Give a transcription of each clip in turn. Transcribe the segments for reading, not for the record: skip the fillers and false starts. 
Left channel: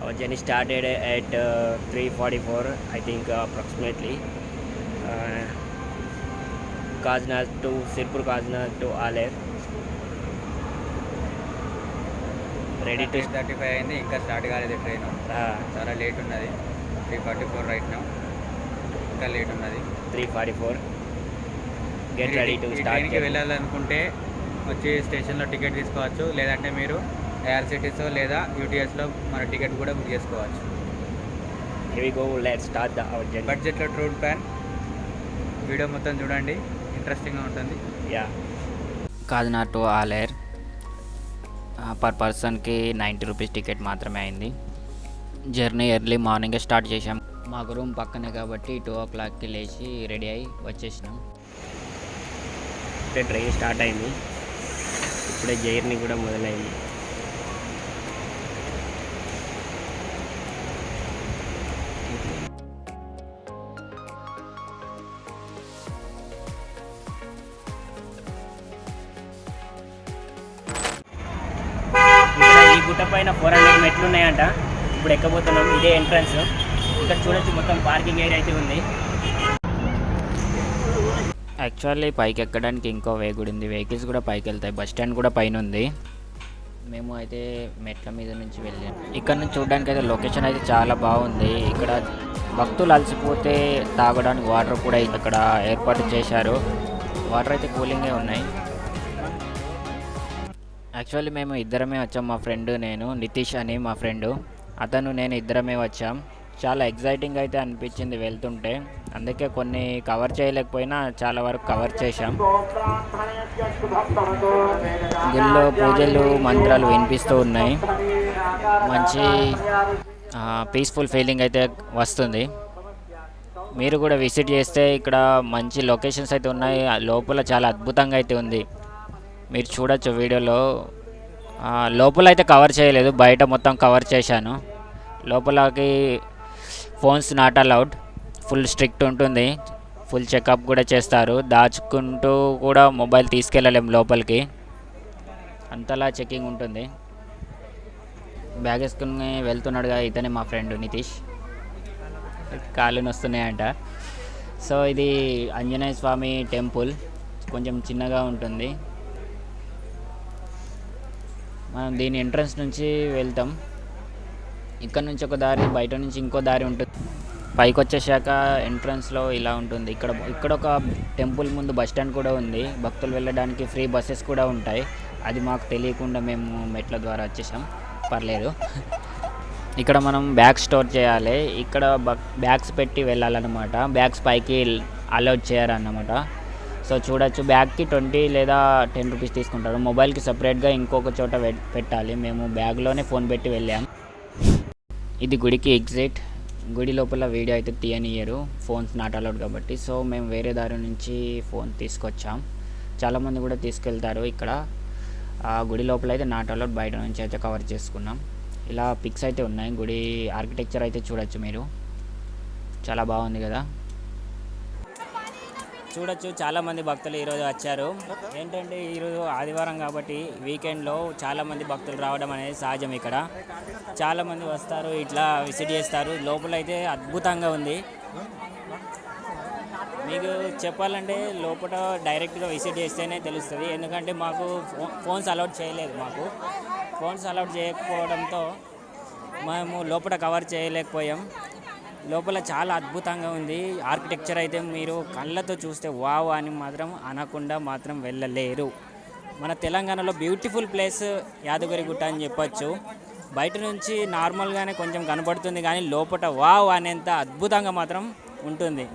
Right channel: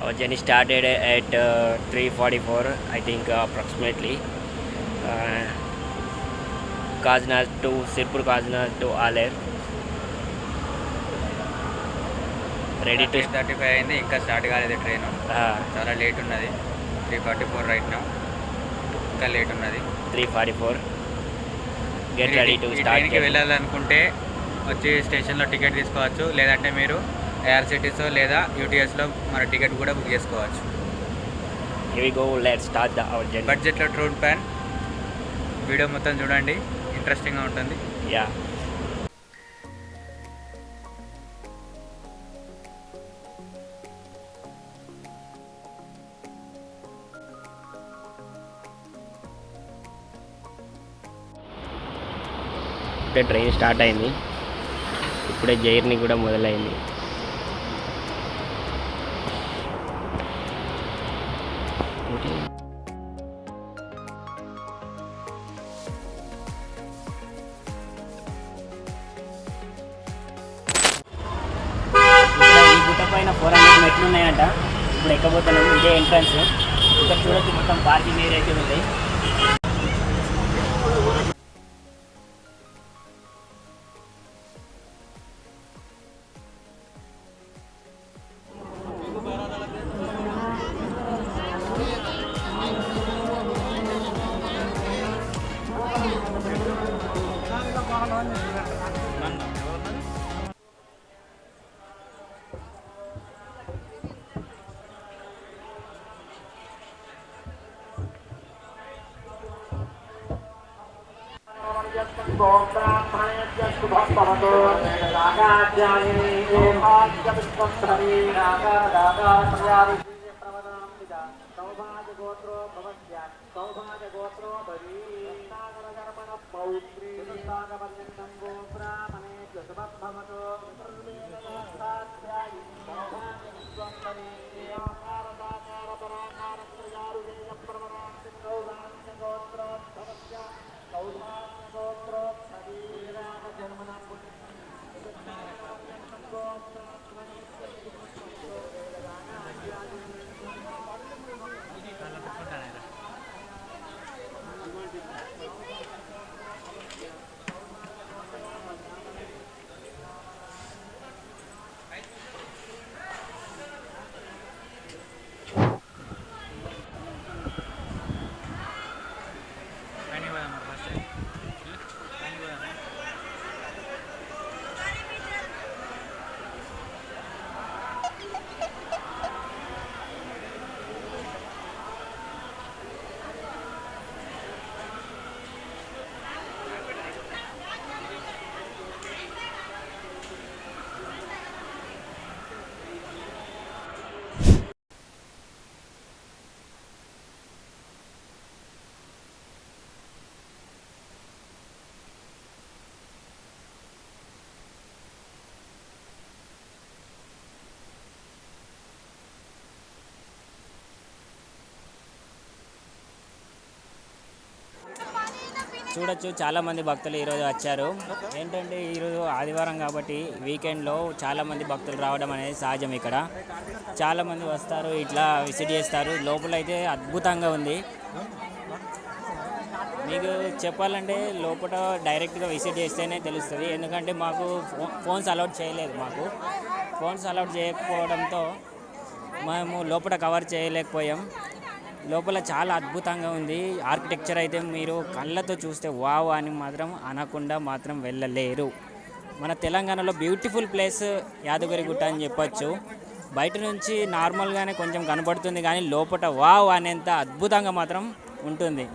Our journey started at 3:44, I think, approximately. Uh, Kazna to Sirpur Kazna to Aler. Ready to 3:35 అయింది, ఇంకా start కాలేదు train. చాలా late ఉన్నది. 3:44 right now, ఇంకా late ఉన్నది. 3:44. Get మీరు ready to ఈ start ట్రైన్కి journey. వెళ్ళాలనుకుంటే వచ్చి స్టేషన్లో టికెట్ తీసుకోవచ్చు, లేదంటే మీరు ఏఆర్సిటీసో లేదా యూటీఎస్లో మన టికెట్ కూడా బుక్ చేసుకోవచ్చు. Here we go. Let's start our journey. బడ్జెట్లో ట్రూన్ ప్యాన్ వీడియో మొత్తం చూడండి, ఇంట్రెస్టింగ్గా ఉంటుంది. Yeah. Kakinada to Aler per పర్సన్కి 90 రూపీస్ టికెట్ మాత్రమే అయింది. జర్నీ ఎర్లీ మార్నింగే స్టార్ట్ చేసాం. మాకు రూమ్ పక్కనే కాబట్టి 2 o'clockకి లేచి రెడీ అయ్యి వచ్చేసినాం. ఇప్పుడే ట్రైన్ స్టార్ట్ అయింది. ఇప్పుడే జర్నీ కూడా మొదలైంది. ఇక్కడ ఈ గుట్ట పైన 400 మెట్లు ఉన్నాయంట. ఇప్పుడు ఎక్కబోతున్నాం. ఇదే ఎంట్రన్స్. ఇక్కడ చూడొచ్చు, మొత్తం పార్కింగ్ ఏరియా అయితే ఉంది. యాక్చువల్లీ పైకి ఎక్కడానికి ఇంకో వే కూడా ఉంది. వెహికల్స్ కూడా పైకి వెళ్తాయి. బస్ స్టాండ్ కూడా పైన ఉంది. మేము అయితే మెట్ల మీద నుంచి వెళ్ళాం. ఇక్కడ నుంచి చూడడానికి అయితే లొకేషన్ అయితే చాలా బాగుంది. ఇక్కడ భక్తులు అలసిపోతే తాగడానికి వాటర్ కూడా ఇక్కడ ఏర్పాటు చేశారు. వాటర్ అయితే కూలింగే ఉన్నాయి. యాక్చువల్లీ మేము ఇద్దరమే వచ్చాం. మా ఫ్రెండ్ నేను, నితీష్ అని మా ఫ్రెండు, అతను నేను ఇద్దరమే వచ్చాం. చాలా ఎగ్జైటింగ్ అయితే అనిపించింది వెళ్తుంటే. అందుకే కొన్ని కవర్ చేయలేకపోయినా చాలా వరకు కవర్ చేశాం. గుళ్ళో పూజలు మంత్రాలు వినిపిస్తూ ఉన్నాయి. మంచి పీస్ఫుల్ ఫీలింగ్ అయితే వస్తుంది. మీరు కూడా విజిట్ చేస్తే ఇక్కడ మంచి లొకేషన్స్ అయితే ఉన్నాయి. లోపల చాలా అద్భుతంగా అయితే ఉంది. మీరు చూడొచ్చు వీడియోలో. లోపల అయితే కవర్ చేయలేదు, బయట మొత్తం కవర్ చేశాను. లోపలకి phones not allowed, full strict ఉంటుంది. ఫుల్ చెకప్ కూడా చేస్తారు. దాచుకుంటూ కూడా మొబైల్ తీసుకెళ్ళలేము లోపలికి, అంతలా చెకింగ్ ఉంటుంది. బ్యాగ్ వేసుకుని వెళ్తున్నాడుగా ఇతనే మా ఫ్రెండ్ నితీష్. కాళ్ళు నొస్తున్నాయంట. సో ఇది ఆంజనేయ స్వామి టెంపుల్, కొంచెం చిన్నగా ఉంటుంది. మనం దీని ఎంట్రన్స్ నుంచి వెళ్తాం. ఇక్కడ నుంచి ఒక దారి, బయట నుంచి ఇంకో దారి ఉంటుంది. పైకి వచ్చేసాక ఎంట్రన్స్లో ఇలా ఉంటుంది. ఇక్కడ ఒక టెంపుల్ ముందు బస్ స్టాండ్ కూడా ఉంది. భక్తులు వెళ్ళడానికి ఫ్రీ బస్సెస్ కూడా ఉంటాయి. అది మాకు తెలియకుండా మేము మెట్ల ద్వారా వచ్చేసాం. పర్లేదు. ఇక్కడ మనం బ్యాగ్స్ స్టోర్ చేయాలి. ఇక్కడ బ్యాగ్స్ పెట్టి వెళ్ళాలన్నమాట. బ్యాగ్స్ పైకి అలౌడ్ చేయాలన్నమాట. సో చూడొచ్చు, బ్యాగ్కి 20 లేదా 10 రూపీస్ తీసుకుంటారు. మొబైల్కి సపరేట్గా ఇంకొక చోట పెట్టాలి. మేము బ్యాగ్లోనే ఫోన్ పెట్టి వెళ్ళాం. ఇది గుడికి ఎగ్జిట్. గుడి లోపల వీడియో అయితే తీయనియరు, ఫోన్స్ నాట్ అలౌడ్ కాబట్టి. సో మేము వేరే దారి నుంచి ఫోన్ తీసుకొచ్చాం. చాలామంది కూడా తీసుకెళ్తారు. ఇక్కడ గుడి లోపల అయితే నాట్ అలౌడ్, బయట నుంచి అయితే కవర్ చేసుకున్నాం. ఇలా పిక్స్ అయితే ఉన్నాయి. గుడి ఆర్కిటెక్చర్ అయితే చూడొచ్చు మీరు, చాలా బాగుంది కదా. చూడొచ్చు, చాలామంది భక్తులు ఈరోజు వచ్చారు. ఏంటంటే ఈరోజు ఆదివారం కాబట్టి వీకెండ్లో చాలామంది భక్తులు రావడం అనేది సహజం. ఇక్కడ చాలామంది వస్తారు, ఇట్లా విజిట్ చేస్తారు. లోపల అయితే అద్భుతంగా ఉంది. మీకు చెప్పాలంటే లోపల డైరెక్ట్గా విజిట్ చేస్తేనే తెలుస్తుంది. ఎందుకంటే మాకు ఫోన్స్ అలౌడ్ చేయలేదు. మాకు ఫోన్స్ అలౌడ్ చేయకపోవడంతో మేము లోపల కవర్ చేయలేకపోయాం. లోపల చాలా అద్భుతంగా ఉంది. ఆర్కిటెక్చర్ అయితే మీరు కళ్ళతో చూస్తే వావ్ అని మాత్రం అనకుండా మాత్రం వెళ్ళలేరు. మన తెలంగాణలో బ్యూటిఫుల్ ప్లేస్ యాదగిరిగుట్ట అని చెప్పొచ్చు. బయట నుంచి నార్మల్గానే కొంచెం కనబడుతుంది, కానీ లోపల వావ్ అనేంత అద్భుతంగా మాత్రం ఉంటుంది.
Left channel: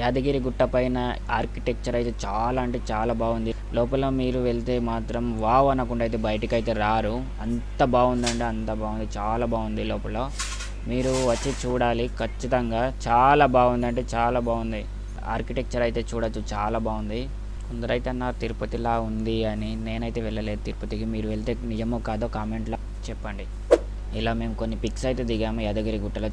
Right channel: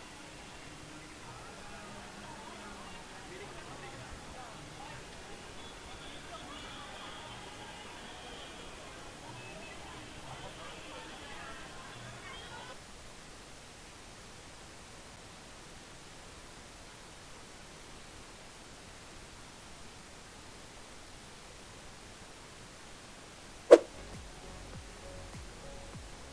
యాదగిరిగుట్ట పైన ఆర్కిటెక్చర్ అయితే చాలా అంటే చాలా బాగుంది. లోపల మీరు వెళ్తే మాత్రం వావ్ అనకుండా అయితే బయటకు అయితే రారు. అంత బాగుందంటే అంత బాగుంది, చాలా బాగుంది. లోపల మీరు వచ్చి చూడాలి ఖచ్చితంగా. చాలా బాగుంది అంటే చాలా బాగుంది. ఆర్కిటెక్చర్ అయితే చూడొచ్చు, చాలా బాగుంది. కొందరైతే నా తిరుపతిలా ఉంది అని. నేనైతే వెళ్ళలేదు తిరుపతికి. మీరు వెళ్తే నిజమో కాదో కామెంట్లో చెప్పండి. ఇలా మేము కొన్ని పిక్స్ అయితే దిగాము యాదగిరిగుట్టలో.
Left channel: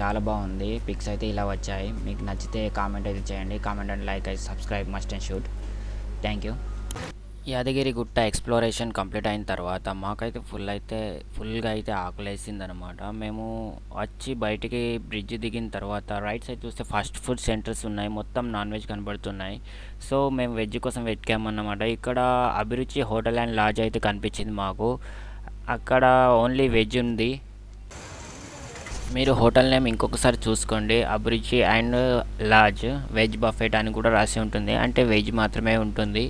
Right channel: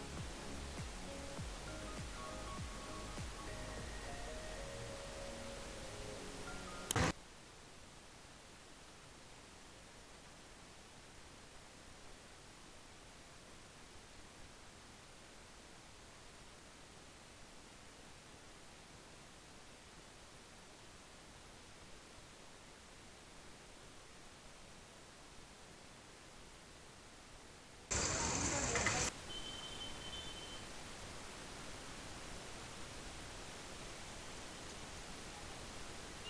చాలా బాగుంది. పిక్స్ అయితే ఇలా వచ్చాయి. మీకు నచ్చితే కామెంట్ అయితే చేయండి. కామెంట్ అండ్ లైక్ అయితే subscribe must and shoot. Thank you. Yadagiri Gutta exploration complete అయిన తర్వాత మాకైతే ఫుల్గా అయితే ఆకలేసిందనమాట. మేము వచ్చి బయటికి బ్రిడ్జ్ దిగిన తర్వాత రైట్ సైడ్ చూస్తే ఫాస్ట్ ఫుడ్ సెంటర్స్ ఉన్నాయి, మొత్తం నాన్ వెజ్ కనబడుతున్నాయి. సో మేము వెజ్ కోసం వెతికామన్నమాట. ఇక్కడ అభిరుచి హోటల్ అండ్ లాడ్జ్ అయితే కనిపించింది మాకు. అక్కడ ఓన్లీ వెజ్ ఉంది. మీరు హోటల్ నేమ్ ఇంకొకసారి చూసుకోండి, అభిరుచి అండ్ లాడ్జ్ వెజ్ బఫెట్ అని కూడా రాసి ఉంటుంది, అంటే వెజ్ మాత్రమే ఉంటుంది.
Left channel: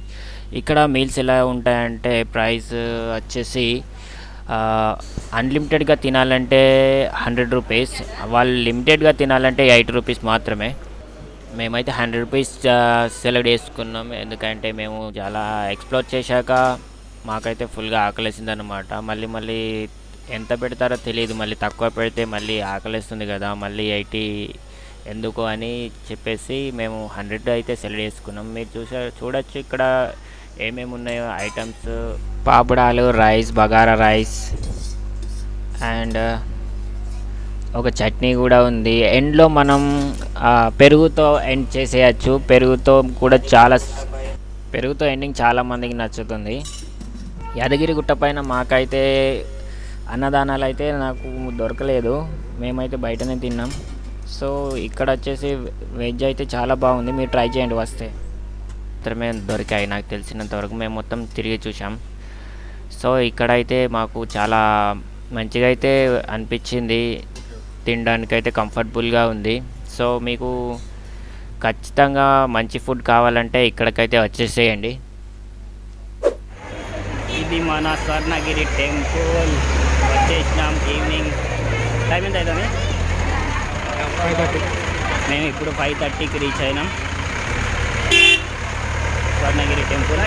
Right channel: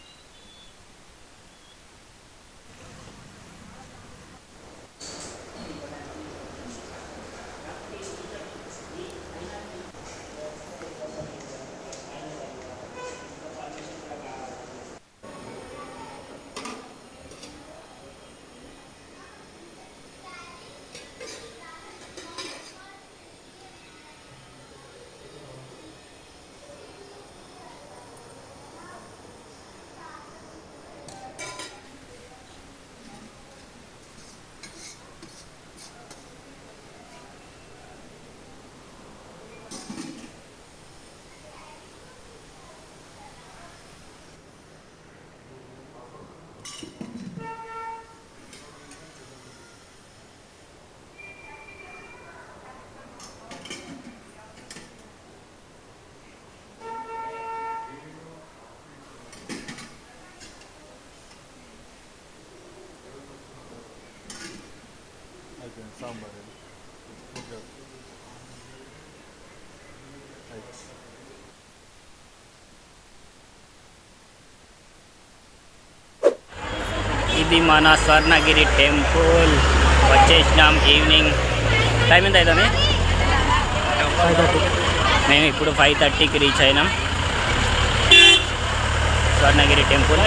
ఇక్కడ మీల్స్ ఎలా ఉంటాయంటే ప్రైస్ వచ్చేసి అన్లిమిటెడ్గా తినాలంటే 100 రూపీస్, వాళ్ళు లిమిటెడ్గా తినాలంటే 80 రూపీస్ మాత్రమే. మేమైతే 100 రూపీస్ సెలెక్ట్ చేసుకున్నాం, ఎందుకంటే మేము చాలా ఎక్స్ప్లోర్ చేశాక మాకైతే ఫుల్గా ఆకలేసిందనమాట. మళ్ళీ ఎంత పెడతారో తెలియదు, మళ్ళీ తక్కువ పెడితే మళ్ళీ ఆకలిస్తుంది కదా, మళ్ళీ 80 ఎందుకు అని చెప్పేసి మేము 100 అయితే సెలెక్ట్ చేసుకున్నాం. మీరు చూడొచ్చు ఇక్కడ ఏమేమి ఉన్నాయో ఐటమ్స్. పాపడాలు, రైస్, బగారా రైస్ అండ్ ఒక చట్నీ కూడా ఉంది. ఎండ్లో మనం పెరుగుతో ఎండ్ చేసేయచ్చు. పెరుగుతో ఎండింగ్ చాలామందికి నచ్చుతుంది. యాదగిరి గుట్ట పైన మాకైతే అన్నదానాలు అయితే నాకు దొరకలేదు, మేమైతే బయటనే తిన్నాం. సో ఇక్కడ వచ్చేసి వెజ్ అయితే చాలా బాగుంది, మీరు ట్రై చేయండి వస్తే. మాత్రమే దొరికాయి నాకు తెలిసినంత వరకు, మేము మొత్తం తిరిగి చూసాం. సో ఇక్కడైతే మాకు చాలా మంచిగా అయితే అనిపించింది, తినడానికైతే కంఫర్టబుల్గా ఉంది. సో మీకు ఖచ్చితంగా మంచి ఫుడ్ కావాలంటే ఇక్కడికైతే వచ్చేసేయండి. ఇది మన స్వర్ణగిరి టెంపుల్. వచ్చేసినాం. ఈవినింగ్ టైం ఎంత అవుతుంది? మేము ఇప్పుడు 5:30కి రీచ్ అయినాం స్వర్ణగిరి టెంపుల్.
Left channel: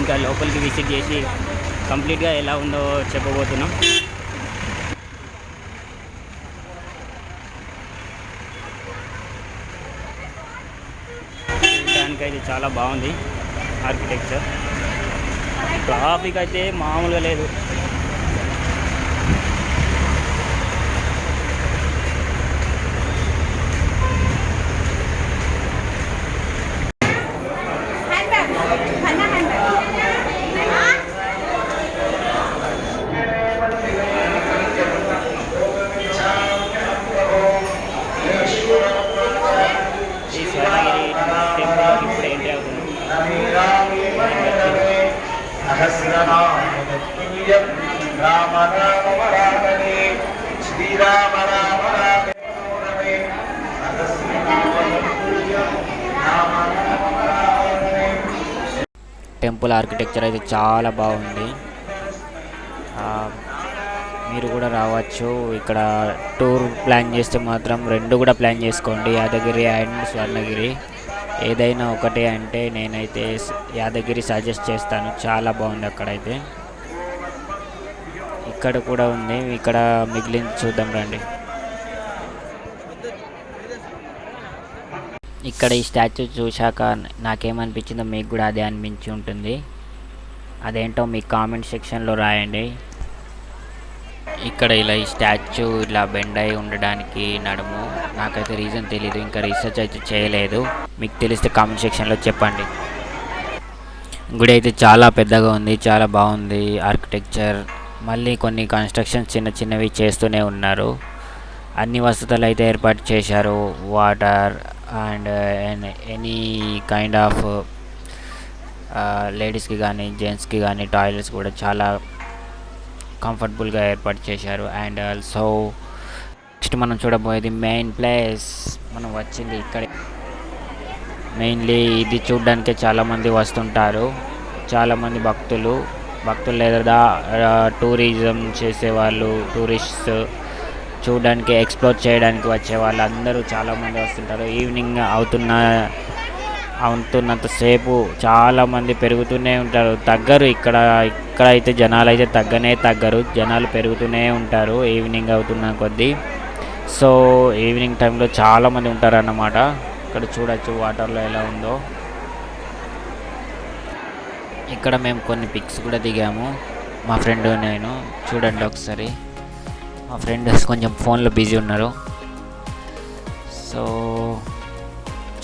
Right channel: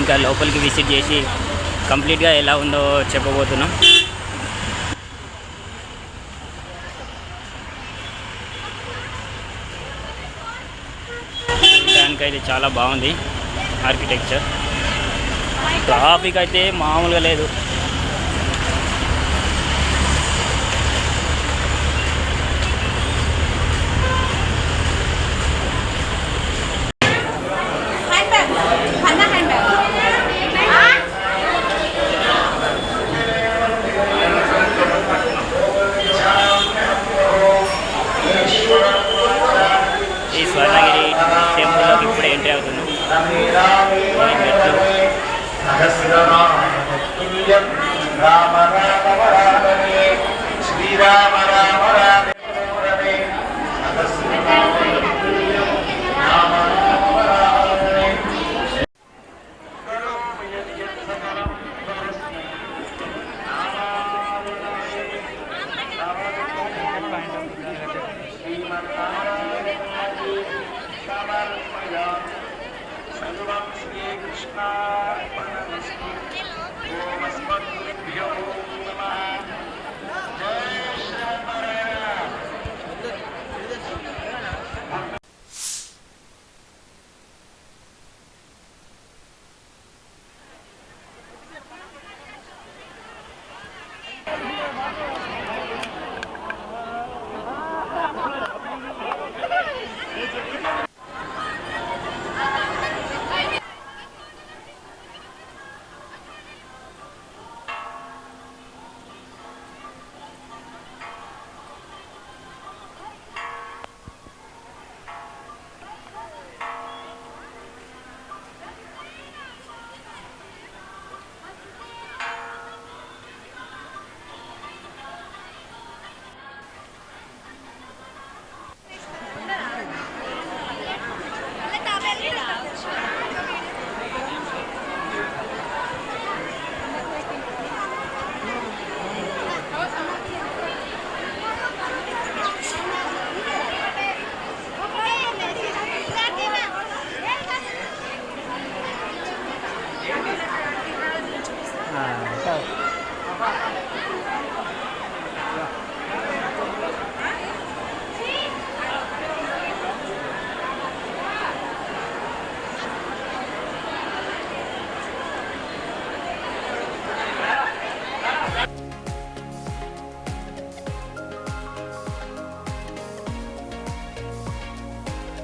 ఇంకా లోపలికి విజిట్ చేసి కంప్లీట్గా ఎలా ఉందో చెప్పబోతున్నాం. చూడడానికైతే చాలా బాగుంది ఆర్కిటెక్చర్. ట్రాఫిక్ అయితే మామూలుగా లేదు. ఈ స్వర్ణగిరి టెంపుల్లోకి ఇప్పుడు ఎంట్రీ అవుతున్నాం. టెంపుల్ ఆర్కిటెక్చర్ అయితే చాలా బాగుంది, మీరు కూడా రావచ్చు. ఇక్కడ టూర్ ప్లాన్ చేస్తే మాత్రం 2 కూడా ప్లాన్ చేసుకోండి, యాదగిరి అండ్ స్వర్ణగిరి. ఏదైనా ఒకటే అంటే నేనైతే యాదగిరి సజెస్ట్ చేస్తాను, చాలా బాగుంది అక్కడైతే. ఇక్కడ కూడా ఉంది, ఇక్కడ మిగిలిన చూద్దాం రండి. ఇక్కడ ఈ స్టాచ్యూ చూశాక నాకేమనిపించిందో మీకు కూడా అదే అనిపించి ఉంటుంది. అదేంటో మీ కామెంట్ సెక్షన్లో రాయండి. ఇక్కడ ఇలా ఈ స్టాచ్యూ ఇలా బెండ్ అయి ఉండడానికి నడుము నాకైతే రీజన్ తెలియదు, ఇంకా రీసెర్చ్ అయితే చేయలేదు. మీకు తెలిస్తే కామెంట్ సెక్షన్లో చెప్పండి. గుడి అయితే చాలా పెద్దగా ఉంది, చాలా బాగుంది ఆర్కిటెక్చర్. మళ్ళీ కొన్ని కన్స్ట్రక్షన్స్ చిన్నవి చేస్తూనే ఉన్నారు. అన్ని వసతులు అయితే ఏర్పాటు చేశారు, water and any kind of లేడీస్కి కానీ జెంట్స్కి కానీ టాయిలెట్స్ కూడా చాలా కంఫర్టబుల్గా ఏర్పాటు చేశారు. అండ్ ఆల్సో నెక్స్ట్ మనం చూడబోయేది మెయిన్ ప్లేస్. మనం వచ్చింది ఇక్కడ మెయిన్లీ ఇది చూడడానికి చాలామంది వస్తుంటారు, చాలామంది భక్తులు లేదా టూరిజం చేసేవాళ్ళు, టూరిస్ట్స్ చూడడానికి ఎక్స్ప్లోర్ చేయడానికి వచ్చే వాళ్ళందరూ చాలామంది వస్తుంటారు. ఈవినింగ్ అవుతున్నంతసేపు చాలామంది పెరుగుతూనే ఉంటారు, తగ్గరు. ఇక్కడైతే జనాలు అయితే తగ్గరు, జనాలు పెరుగుతూనే ఉంటారు ఈవినింగ్ అవుతున్న కొద్దీ. సో ఈవినింగ్ టైంలో చాలామంది ఉంటారు అన్నమాట. ఇక్కడ చూడొచ్చు వాటర్లో ఎలా ఉందో. ఇక్కడ మేము కొన్ని పిక్స్ కూడా దిగాము, మా ఫ్రెండ్ నేను. చూడండి ఒకసారి, మా ఫ్రెండ్ కొంచెం ఫోన్లో బిజీ ఉన్నారు. సో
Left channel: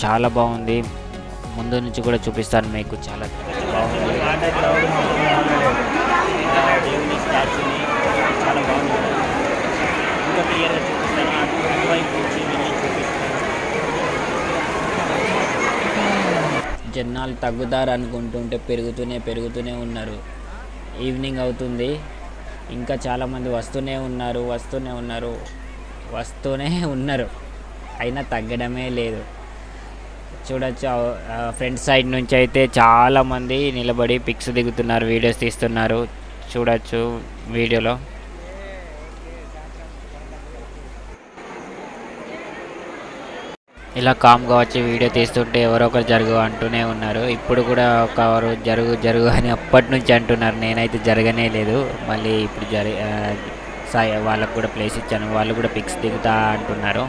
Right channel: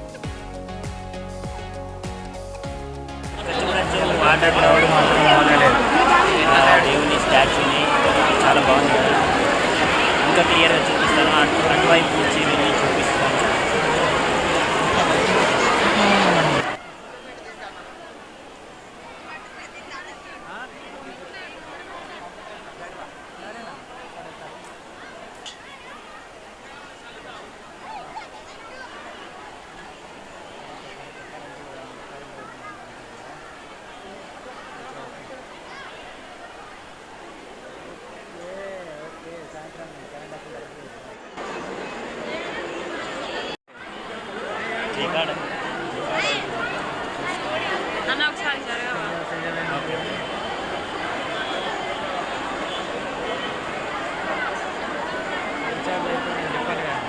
చాలా బాగుంది, ముందు నుంచి కూడా చూపిస్తాను మీకు. చాలా చూడొచ్చు వాటర్ క్రౌడ్ మాత్రం బాగుండలేదు. దేవుని స్టాచ్యూని చాలా బాగుంది కదా. ఇంకా క్లియర్గా చూపిస్తాను, అటువైపు నుంచి వెళ్ళి చూపిస్తాను. జనాలు తగ్గుతారు అనుకుంటుంటే పెరుగుతూనే ఉన్నారు. ఈవినింగ్ అవుతుంది, ఇంకా చాలామంది వస్తూనే ఉన్నారు, అయినా తగ్గడమే లేదు. చూడొచ్చు ఫ్రంట్ సైడ్ నుంచి అయితే చాలామంది నిలబడి పిక్స్ దిగుతున్నారు, వీడియోస్ తీస్తున్నారు. చూడొచ్చు వీడియోలో. ఇలా కామ్గా వచ్చి వీడియో తీస్తుంటే ఎవరో ఒకరు జరుగు అంటూనే ఉన్నారు. ఇప్పుడు కూడా ఒకరు జరుగు అని అప్పటి నుంచి అంటున్నారు. నేనైతే జరగనే లేదు. మళ్ళీ ఇప్పుడు వాళ్ళకు కూడా ప్లేస్ ఇచ్చాను, వాళ్ళు కూడా పిక్స్ దిగుతా అంటున్నారు.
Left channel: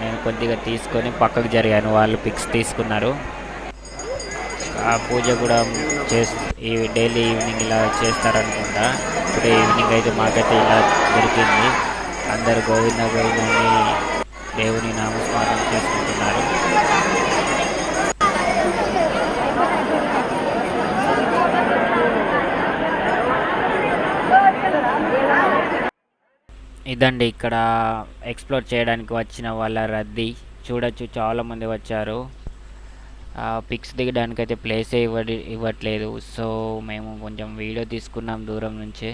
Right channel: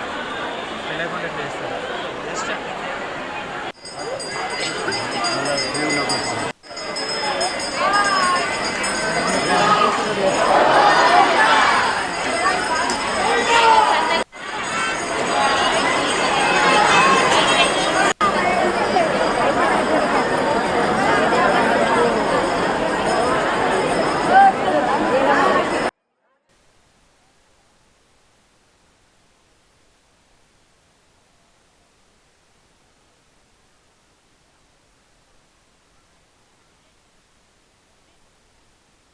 నేను కొద్దిగా తీసుకొని పక్కకు జరిగాను, వాళ్ళు పిక్స్ తీసుకున్నారు. ఆ పూజ కూడా ఈ డైలీ ఈవినింగ్ ఇలా చేస్తారనుకుంటా. ఇప్పుడు ఈవినింగ్ అయితే మాకైతే ఇలా దొరికింది. అందరు గోవింద దేవుని నమస్కారం చేసుకుంటున్నారు. ఇదండి ఇక్కడ ఎక్స్ప్లోర్ చేయడానికి వచ్చిన వాళ్ళ రద్దీ. చూడొచ్చు చాలామంది వచ్చారు. పిక్స్ దిగడానికి అయితే ప్లేసే ఇవ్వట్లేదు. సో మేము కొంచెం వీడియో తీసుకున్నాం దూరం నుంచి.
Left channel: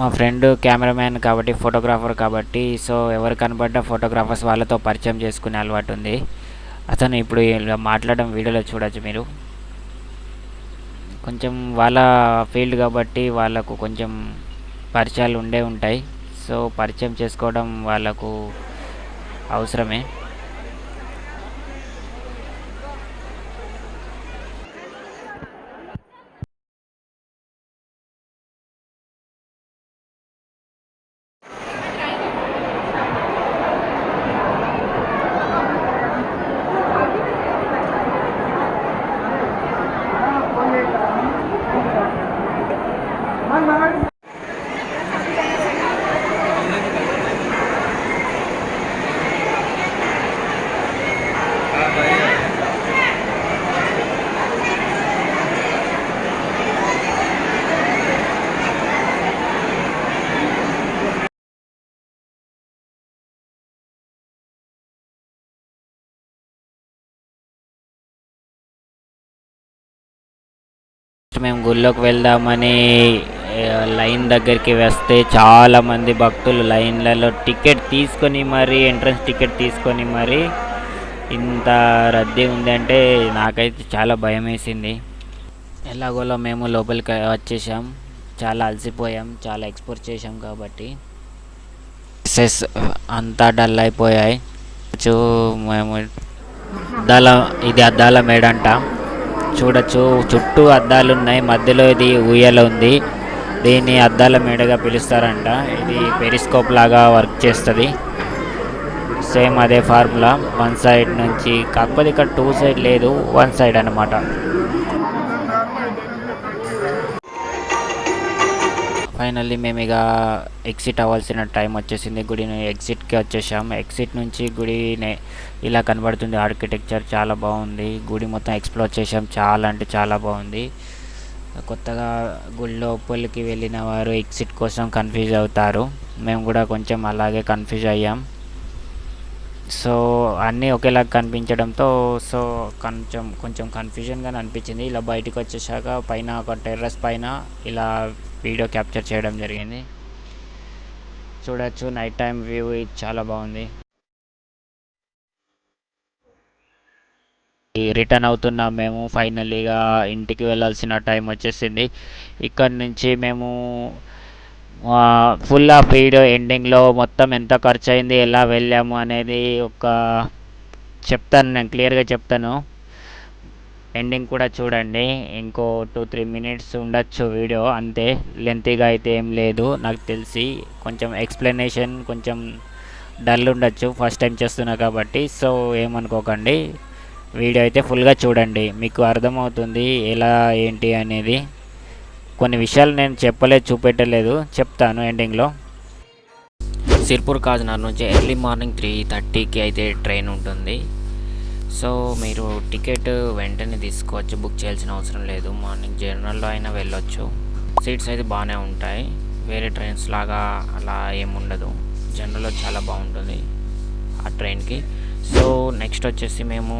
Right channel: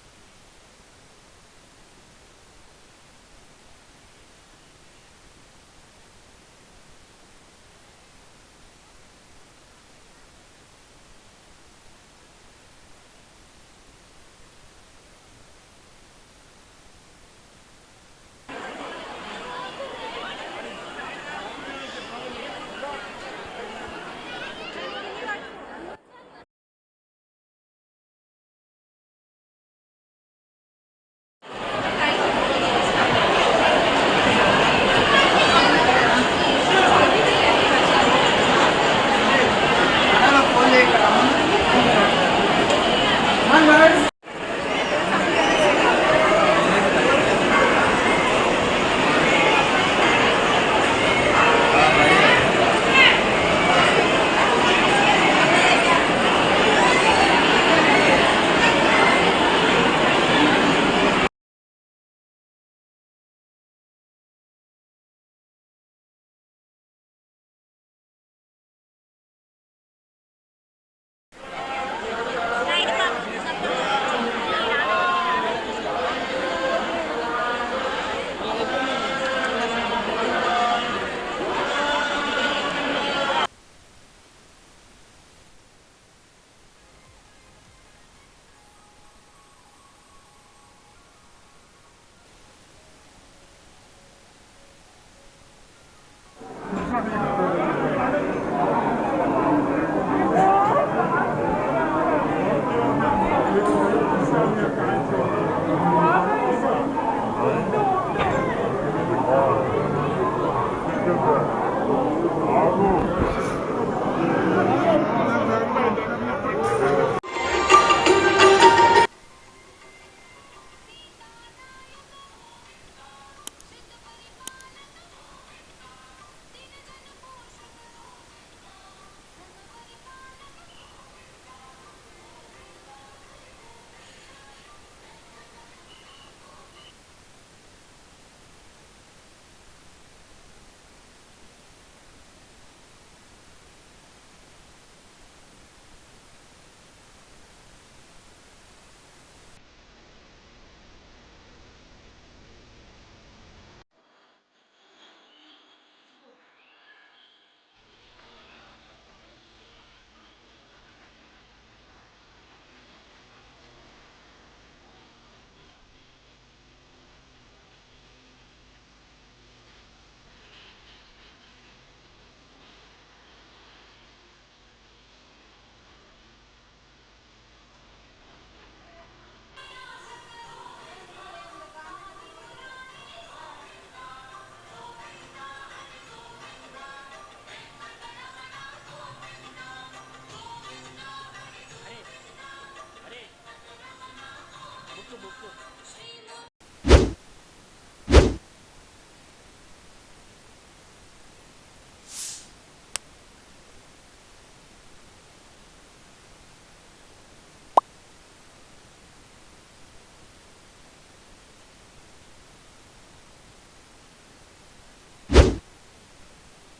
మా ఫ్రెండ్ కెమెరామ్యాన్ కాబట్టి, ఫోటోగ్రాఫర్ కాబట్టి, సో ఎవరు కనబడ్డ ఫోటోగ్రాఫర్స్ వాళ్ళతో పరిచయం చేసుకునే అలవాటు ఉంది. అతను ఇప్పుడు ఇలా మాట్లాడడం వీడియోలో చూడొచ్చు మీరు. కొంచెం వాళ్ళ ఫీల్డ్ కాబట్టి వాళ్ళకు కొంచెం పరిచయాలు ఉంటాయి. సో పరిచయం చేసుకోవడం వాళ్ళకు అవసరమే. మేము గుళ్ళోకి వెళ్దామని లైన్ దగ్గరికి వస్తే చాలామంది భక్తులు లైన్లలో టికెట్ తీసుకొని మరీ, ఎంట్రన్స్ టికెట్ తీసుకొని మరీ ఇంత రద్దీ ఉందంటే నాకైతే చాలా భయం వేసింది. ఎలాగోలో మేము లోపలికి వచ్చేసాం. చాలా అలసిపోయాం, చాలా ఎక్స్ప్లోర్ చేసాం కాబట్టి సెస్ అంతా డల్ అయిపోయాయి. మేము ఇది అద్దాల మేడంట. చూడొచ్చు చుట్టూ అద్దాలు ఉన్నాయి, మధ్యలో ఇది ఉయ్యాల ఉంది. దీన్ని అద్దాల మేడగా పిలుస్తారంట. ఇది పెరిస్కోప్ లాగా వర్క్ చేస్తుంది. సేమ్ అదే ఫార్ములా, వన్ సైడ్ నుంచి, కాకపోతే ఇక్కడ 2 సైడ్ లేదు, 1 సైడ్ అన్నమాట. ఫైనల్లీ మేము ఇక ఎగ్జిట్ అవ్వాల్సిన టైం వచ్చేసింది. గుడిని ఎగ్జిట్కి వచ్చేసాం. ఎగ్జిట్ నుంచి గుడి ఇలా కనబడుతుంది. ఆర్కిటెక్చర్ చాలా బాగుంది. గుడి మొత్తం ఎక్స్ప్లోర్ చేసాం. చాలా అంటే చాలా బాగుంది. కొత్తగా గుడి లోపలికి వెళ్ళిన వారు ఎగ్జిట్ కోసం కన్ఫ్యూజ్ అవుతారు. మేము కూడా కొంచెం అలాగే కన్ఫ్యూజ్ అయ్యాం. సో అన్నీ ఒకేలాగా కనిపించడంతో సో కొంచెం కన్ఫ్యూజన్గానే అనిపించింది. ఇలా బయటకు వచ్చేసాక పైన ఒక టెర్రస్ పైన ఇలా వీడియో క్యాప్చర్ చేయడం జరిగింది. చూడొచ్చు నైట్ టైం వ్యూ చాలా బాగుంది. రిటర్న్ అవుతున్నాం మేము. ఫైనల్లీగా ఇంటికి వెళ్ళాల్సిన టైం వచ్చేసింది. ఇక్కడ నుంచి మేము ఫుల్ ఆఫ్ వీడియో ఎండింగ్లో మొత్తం ఎంత ఖర్చు అయింది, ఎలా వెళ్ళాము అనేది చెప్తాను, నేను క్లియర్గా చెప్తాను. ఎండింగ్ కూడా చూడండి. ఇంకో 2-3 మినిట్స్ ఉండొచ్చు వీడియో, అంతే. లెంతీగా అయితే ఏం లేదు. నాకు తెలిసి కొంచెం ఎక్స్ప్లెనేషన్ కొంచెం డల్ ఉండొచ్చు, ఫస్ట్ టైం చేస్తున్నా కాబట్టి. సో ఏమనుకోకండి, వీడియో అయితే ఫుల్గా చూడండి, మీకు అర్థమవుతుంది ఎలా ఏంటి అనేది. కొన్ని విషయాలు నేను చూపెట్టలేదు, చెప్తాను ఎండింగ్లో. సిర్పూర్ కాజ్నగర్ నుంచి ఎర్లీ మార్నింగ్ 3:30కి అయితే ట్రైన్ ఉంటుంది. సో మీరు టికెట్ వెంటనే తీసుకోవచ్చు, బుక్ చేయాల్సిన అవసరం లేదు. మార్నింగ్ జనరల్లో అయినా వెళ్ళొచ్చు. సీట్స్ అయితే బాగానే ఉంటాయి, వేరే ట్రైన్స్ లాగా అలా ఏముండదు. జనరల్లో చాలా బాగుంటుంది ఆ ట్రైన్కి. సో నెక్స్ట్ వచ్చేసి మేము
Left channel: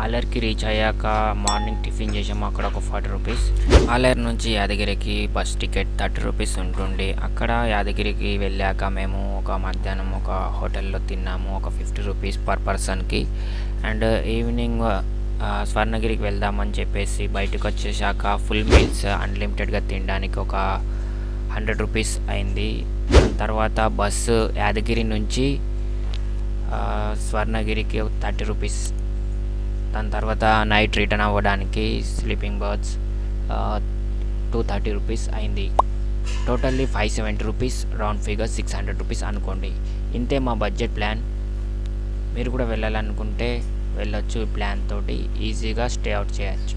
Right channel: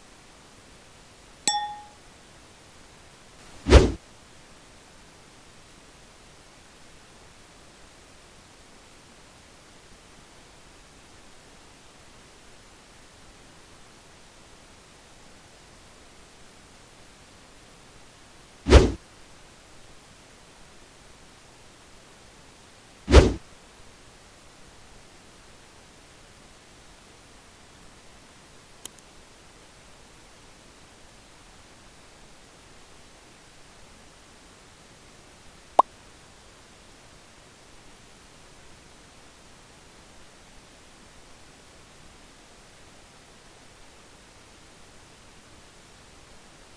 ఆలేరుకి రీచ్ అయ్యాక మార్నింగ్ టిఫిన్ చేసాము, అక్కడ ఒక 40 రూపీస్. ఆలేరు నుంచి యాదగిరికి బస్ టికెట్ 30 రూపీస్ ఉంటుంది. అక్కడ యాదగిరికి వెళ్ళాక మేము మధ్యాహ్నం ఒక హోటల్లో తిన్నాము, ఒక 50 రూపీస్ పర్ పర్సన్కి. అండ్ ఈవినింగ్ స్వర్ణగిరికి వెళ్దామని చెప్పేసి బయటకు వచ్చేసాక ఫుల్ మీల్స్ అన్లిమిటెడ్గా తినడానికి ఒక 100 రూపీస్ అయింది. తర్వాత బస్సు యాదగిరి నుంచి స్వర్ణగిరికి 30 రూపీస్. దాని తర్వాత నైట్ రిటర్న్ అవ్వడానికి స్లీపింగ్ బర్త్స్ 230 రూపీస్ అయింది. Totally 570 rupees, round figure 600 rupees అనుకోండి. ఇంతే మా బడ్జెట్ ప్లాన్. మీరు కూడా వెళ్ళాలనుకుంటే వెళ్ళొచ్చు. ఈ ప్లాన్ తోటి ఈజీగా స్టే అవుట్ చేయొచ్చు.